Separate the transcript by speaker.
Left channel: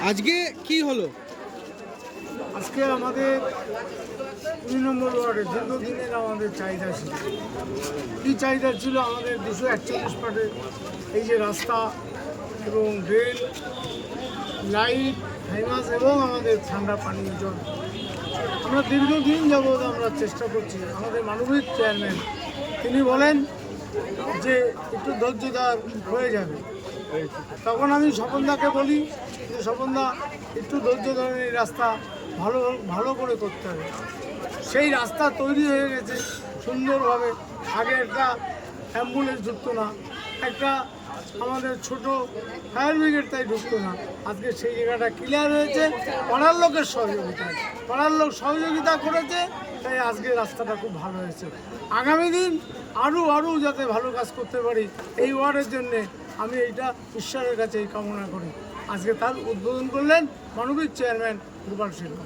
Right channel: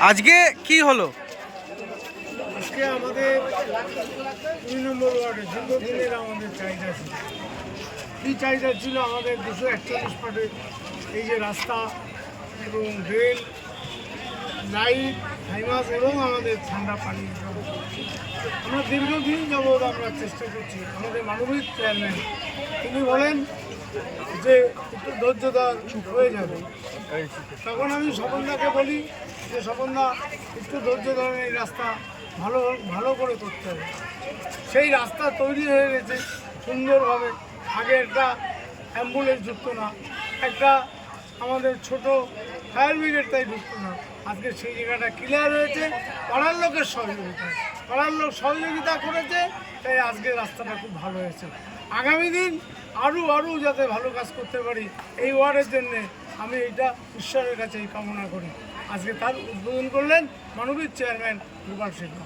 Speaker 1: আজকে কি হলো?
Speaker 2: আজকে আমাদের দুই নম্বর ওয়ার্ডে দীর্ঘদিনের আমাদের চাহিদা ছিল। কী চাহিদা ছিল আমাদের দুশো একচল্লিশ পাটের এই যে রাস্তা এবং ড্রেন লাইট, হাইমাস এবং আমাদের ঠান্ডা পানীয় জল। আমরা দীর্ঘদিন যাবৎ আমরা চেষ্টা করছি, আমাদের মানবিক চেয়ারম্যান তিনি বলেন যে একটু ধৈর্যদার হয়ে যাবে। তখন আমি স্বপনদাকে বলি যে, স্বপনদা, একটু ধৈর্য ধরে এই রাস্তা ভালো ভালো করে করতে হবে। সেই রাস্তা তৈরি হয়ে গেছে সুন্দরভাবে। আগে একটা অ্যাম্বুলেন্স ঢুকতো না, একটা আমাদের ছোট ফায়ার ব্রিগেড তাই ঢুকতো না। আজকে সেই জায়গাটা ক্লিয়ার হয়েছে, পাড়ার লোকের সহযোগিতায়। পাড়ার লোক সহযোগিতা করেছে, তাই আজকে রাস্তাটা খুব ভালো হয়েছে। আগামী দিন আরও আরও যাতে ভালো কাজ করতে পারি, এই ওয়ার্ডের জন্যে আমি এইটা ঈশ্বরের কাছে এই কামনা করি। আজকে তার উদ্বোধন করলেন মানবিক চেয়ারম্যান গোপাল সিংহ